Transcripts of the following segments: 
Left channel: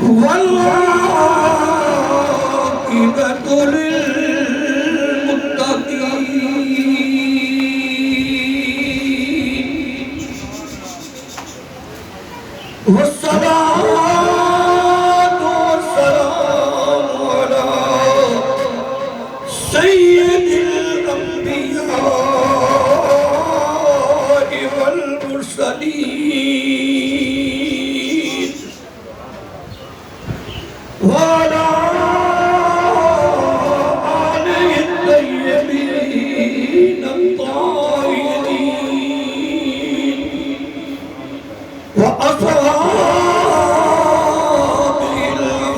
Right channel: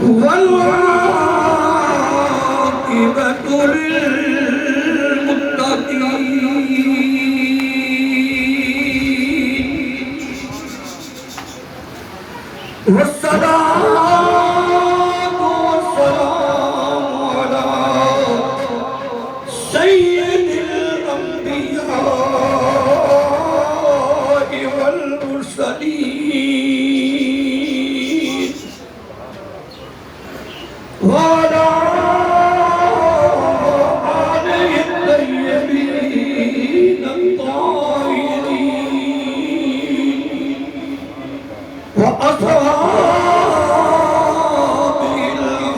والعاقبة للمتقين والصلاة والسلام على سيد الأنبياء والمرسلين وعلى آله الطيبين الطاهرين وأصحابه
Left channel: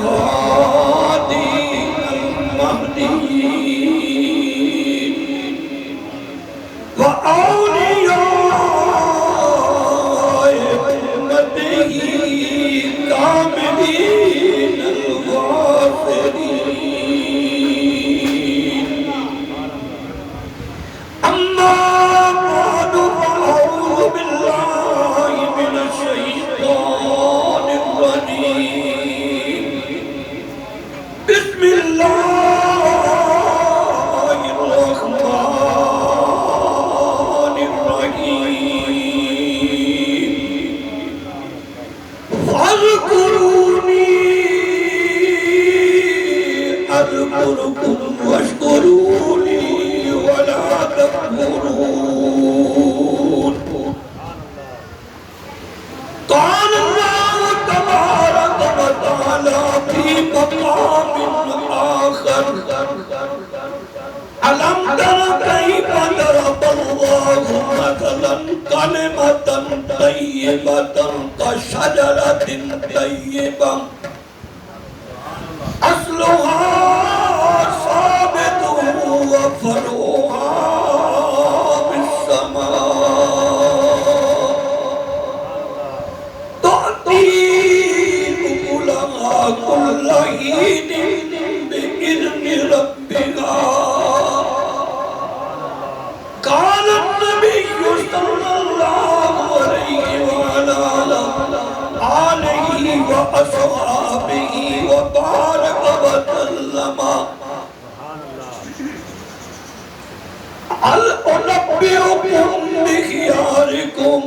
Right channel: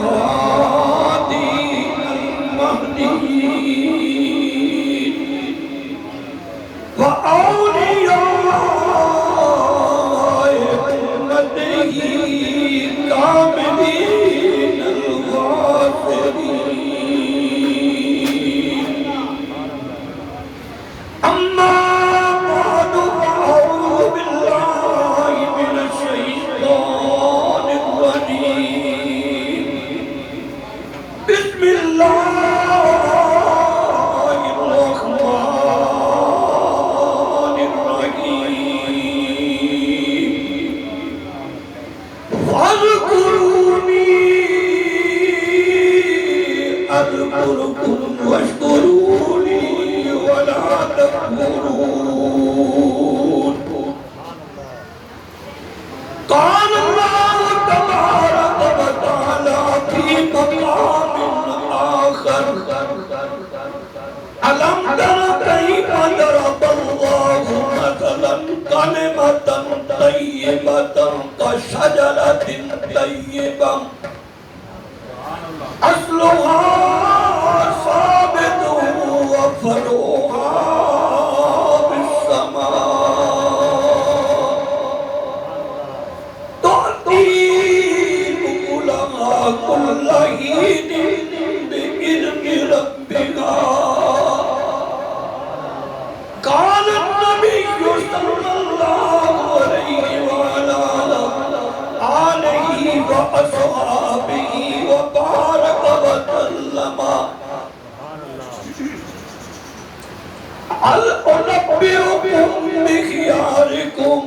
الهادين المهديين وأولياء أمته الكاملين الغافرين أما بعد فأعوذ بالله من الشيطان الرجيم بسم الله الرحمن الرحيم فاذكروني أذكركم واشكروني ولا تكفرون قال الله تبارك وتعالى في مقام آخر ألم تر كيف ضرب الله مثلا كلمة طيبة كشجرة طيبة أصلها ثابت وفرعها بالسماء تؤتي أكلها كل حين بإذن ربها قال النبي صلى الله عليه وعلى آله وأصحابه وبارك وسلم هل أنبئكم بخياركم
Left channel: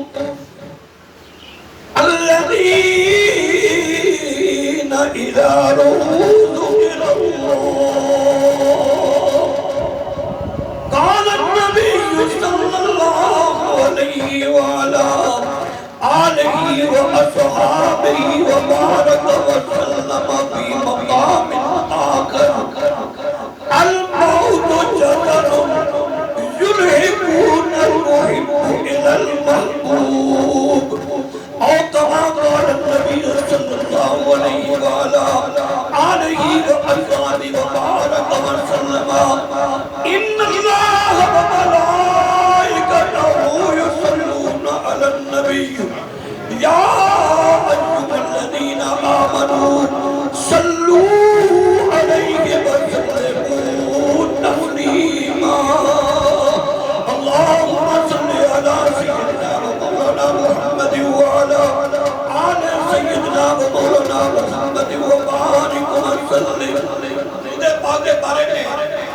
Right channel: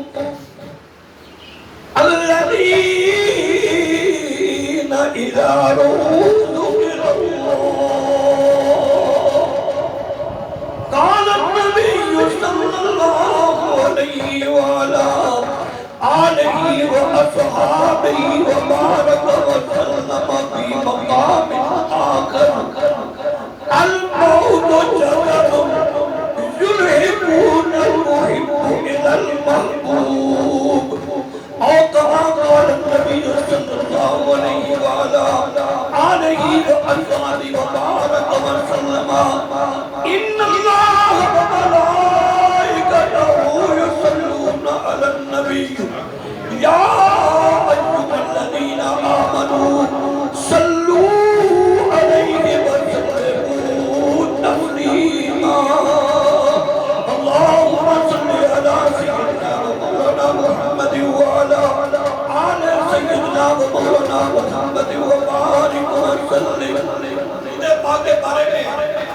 الذين إذا رأوا ذكر الله قال النبي صلى الله عليه وعلى آله وأصحابه وبارك وسلم في مقام آخر الموت جدر يلهبون المحب إلى المحبوب أو كما قال النبي صلى الله عليه وعلى آله وأصحابه وبارك وسلم إن الله وملائكته يصلون على النبي يا أيها الذين آمنوا صلوا عليه وسلموا تسليما اللهم صل على سيدنا ومولانا محمد وعلى آل سيدنا ومولانا محمد وبارك وسلم پاک کے بارے میں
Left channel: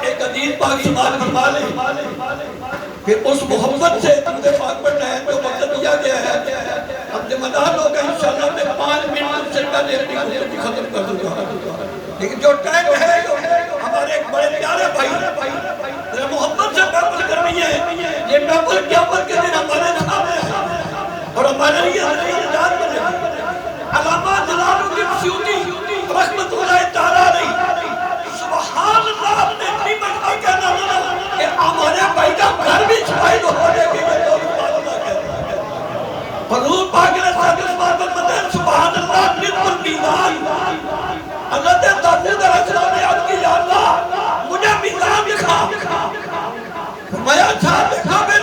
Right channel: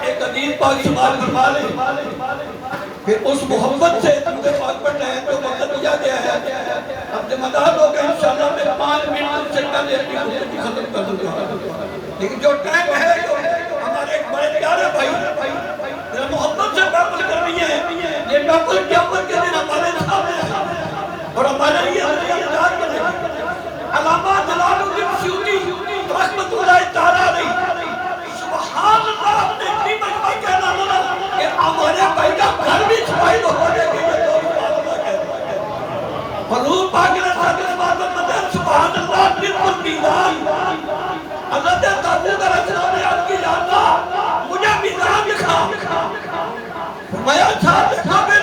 ایک حدیث پاک سنال فرما لیں پھر اس محمد سے درود پاک پڑھنا ہے جو مقصد کیا گیا ہے اب ذمہ دار لوگ ہیں انشاءاللہ میں 5 منٹ سے پہلے اپنی گفتگو ختم کر دوں گا لیکن جو ٹائم ہے ہمارے ایک بڑے پیارے بھائی محمد سے محفل کرنی ہے یہ محفل قیامت کے دن ہمارے سامنے ہے اور ہمارے لیے یاد کریں علامہ جلال الدین سیوطی رحمت اللہ تعالیٰ علیہ سبحان اللہ اپنے اتنی مرتبہ کہنا لگا کہ ہمارے بھائی کا گھر بھی چھپائی تو ہونے کے لیے تو سبحان اللہ کہنا حضور پاک نے صدر بابت مدن سبحان اللہ نصف المیزان حضرت داؤد علیہ السلام نے عرض کی یا اللہ مجھے میزان دکھا فرمایا صاحب قابل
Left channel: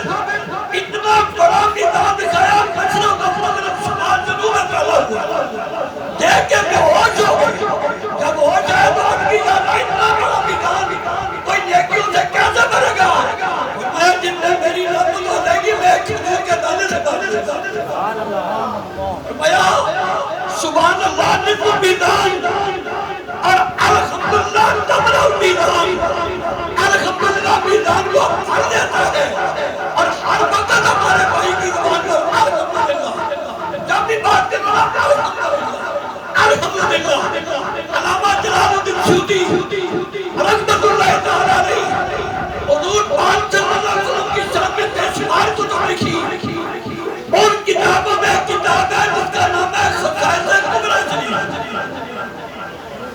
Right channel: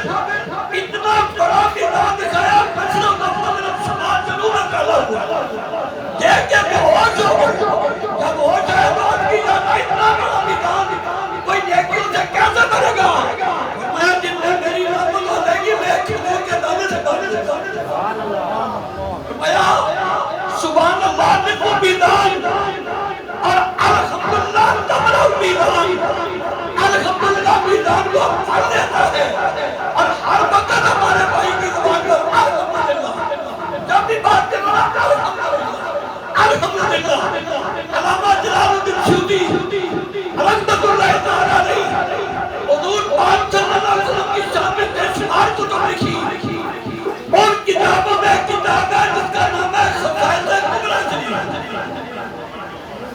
اتنا بڑا میزان دکھایا بچنوں کا مغرب شمال جنوب کر لگا دیکھ کے بے ہوش ہو گئے جب ہو جائے بات کی جانا اتنا بڑا میزان کوئی نیکی اسے کیسے بڑھے گا فرمایا جن نے میری رحمت ہو جائے گی میں کھلے کے دانے سے بڑھنے سے فرمایا سبحان اللہ نے تعرف المیزان اور الحمدللہ تملا المیزان. الحمدللہ میزان کو پڑھ لیتا ہے اور ہر وقت ہمارے بھائی کی زبان پر الحمدللہ جب بھی بات کرنا الحمدللہ. علامہ جلال الدین سیوطی رحمۃ اللہ تعالیٰ علیہ حضور پاک صلی اللہ علیہ وسلم کی شان میں بے شمار کتب لکھی. ان کتابوں میں کتاب ہے جس کا نام ہے خصائص کبریٰ شریف.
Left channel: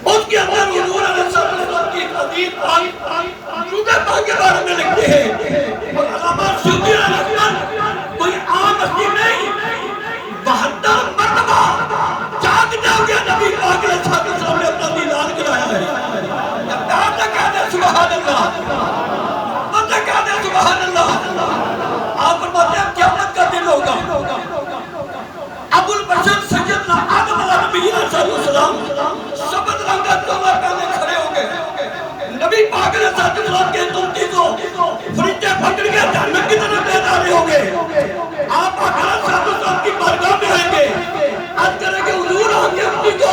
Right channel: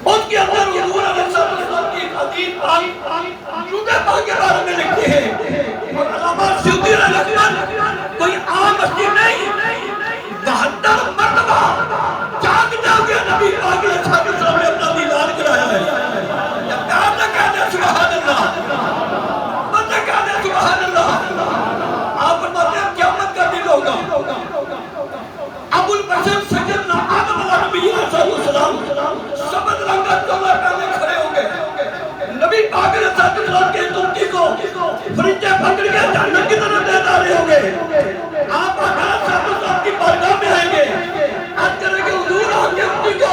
ان کے اندر حضور علیہ السلام کی حدیث درود پاک کے بارے میں لکھتے ہیں. علامہ سیوطی رحمۃ اللہ کوئی عام ہستی نہیں. 72 مرتبہ جاگ جاگ نبی پاک علیہ السلام نے اپنا دیدار کرایا ہے. جب پیار نہ کہتے سبحان اللہ، مت کہتے سبحان اللہ. آپ فرماتے ہیں قیامت کا دن ہوگا. ابو البشر سیدنا آدم علیہ نبی صلی اللہ علیہ وسلم سبز رنگت جوڑا پہنے کھڑے ہوں گے. نبی پاک علیہ السلام کے ترکی کو فرشتے پکڑ کے جنت کی طرف لے جا رہے ہوں گے. آپ آقا صاحب کی بارگاہ میں آئیں گے. آپ کریں گے حضور آ کے اپنی کو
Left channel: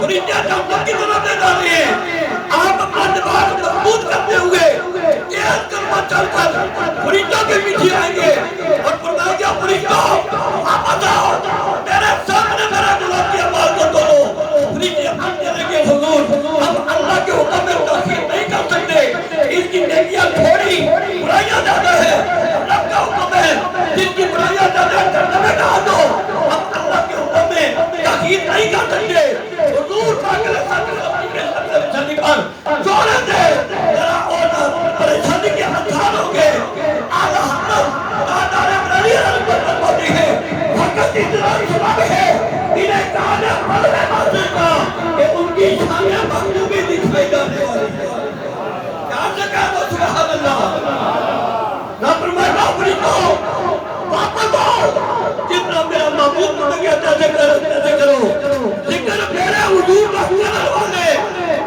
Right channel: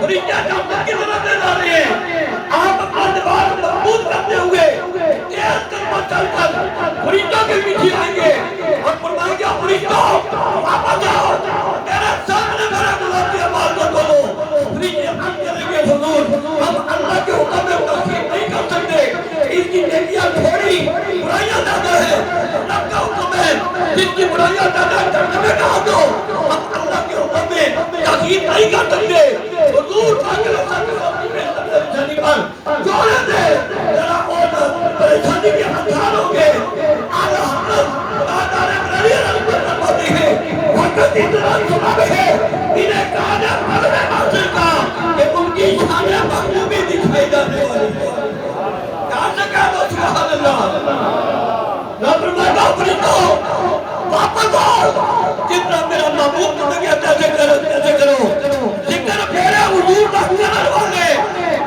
فرشتے جنت کی طرف لے جا رہے ہیں. آپ اپنا لباس مضبوط کرتے ہوئے تیز قدم چل کر فرشتوں کے پیچھے آئیں گے اور فرمائیں گے فرشتوں واپس آؤ، میرے سامنے میرے غلام کی آواز کو دو. فرشتے ہم کریں گے حضور ہم اللہ کے حکم میں تاخیر نہیں کر سکتے. اس کی نیکیاں تھوڑی برائیاں زیادہ ہے. رب کا حکم ہے جس کی برائیاں زیادہ ہے جنت میں ڈال دو. ہم اللہ کے حکم میں تاخیر نہیں کر سکتے. حضور پاک علیہ السلام کی پریشانی پر جوڑے دے ذرا اور پریشانی کے ہتھیار ہوں گے. اعلیٰ حضرت آدھار علی رحمت ہوتی ہے وقت اتنا سبب ہے انہیں کہا جا مذہب واضح کا کہ ان کی شانیں مغلوبی دکھائی جانے والی ہے. کہاں سے کہا تو سبحان اللہ. نافرمان نوکری کو واپس آؤ. جتنا میرا محبوب نے کہا جیسے کرو. ذکر میرے حضور کا کرنے والے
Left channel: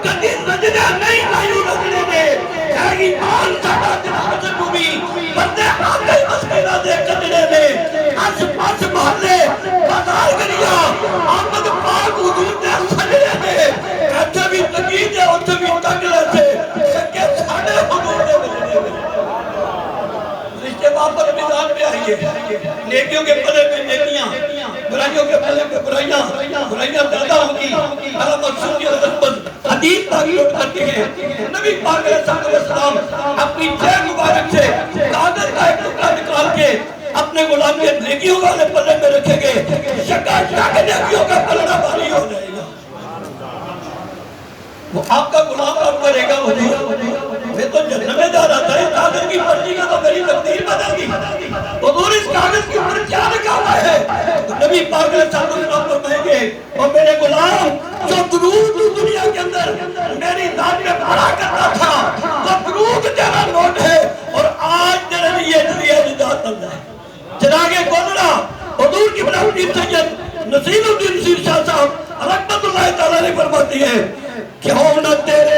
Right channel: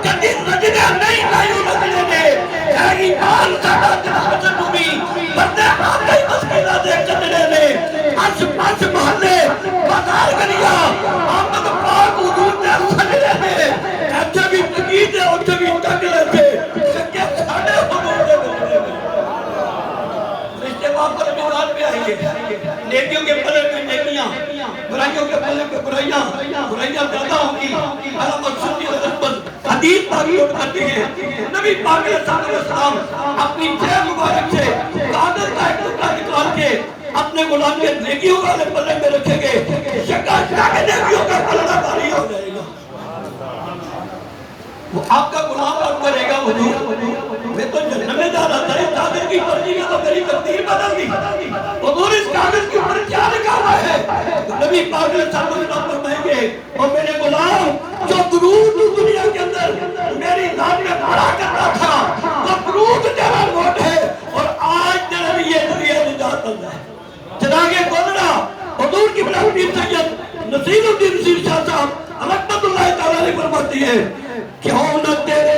کبھی رجنے نہیں لائیو رجنے دے. اے ایمان ساڈا جناب جنوبی بندے آگے مسکینہ دے کتنے میں آس پاس محلے بازار گلیا آمد پاک حضور نے سجدے میں ایسے بھی تقید ہے ان سے بھی تقلے سے سکے ساڑے حضور نے بجنے میں. رشتے واپس میدان پہ آئیے. نیکیوں کے پلے میں نیکیاں، برائیوں کے پلے میں برائیاں زیادہ ہوگی. علامہ سیوطی رحمت حدیث پاک نوٹ کرتے ہیں. نبی پاک علیہ السلام اپنی جیب مبارک سے کاغذ کا ایک ٹکڑا نکال کے اپنے غلام کے نیکیوں والے پلے میں رکھیں گے. شکا کے نیکیوں کا پلڑا بھاری ہو جائے گا. وہ آپ کا غلام کام کرے گا. میں تو جنت میں جا رہا تھا اس کاغذ کی پرچی کا تو میری تقدیر بدل گئی. حضور اس کاغذ کے اوپر کیا لکھا ہوا ہے؟ نبی پاک علیہ السلام فرمائیں گے اور میرے غلام جو درود دنیا کے اندر میری ذات میں پڑھا کرتا تھا وہ درود تیرا نوٹ ہے اور آج تیرے لیے نجات ہے. چنانچہ گزرا حضور کی بڑا پیر سید نصیر الدین نصیر شاہ صاحب رحمت اللہ تعالیٰ نے فرماتی ہے کیوں نہ تیرے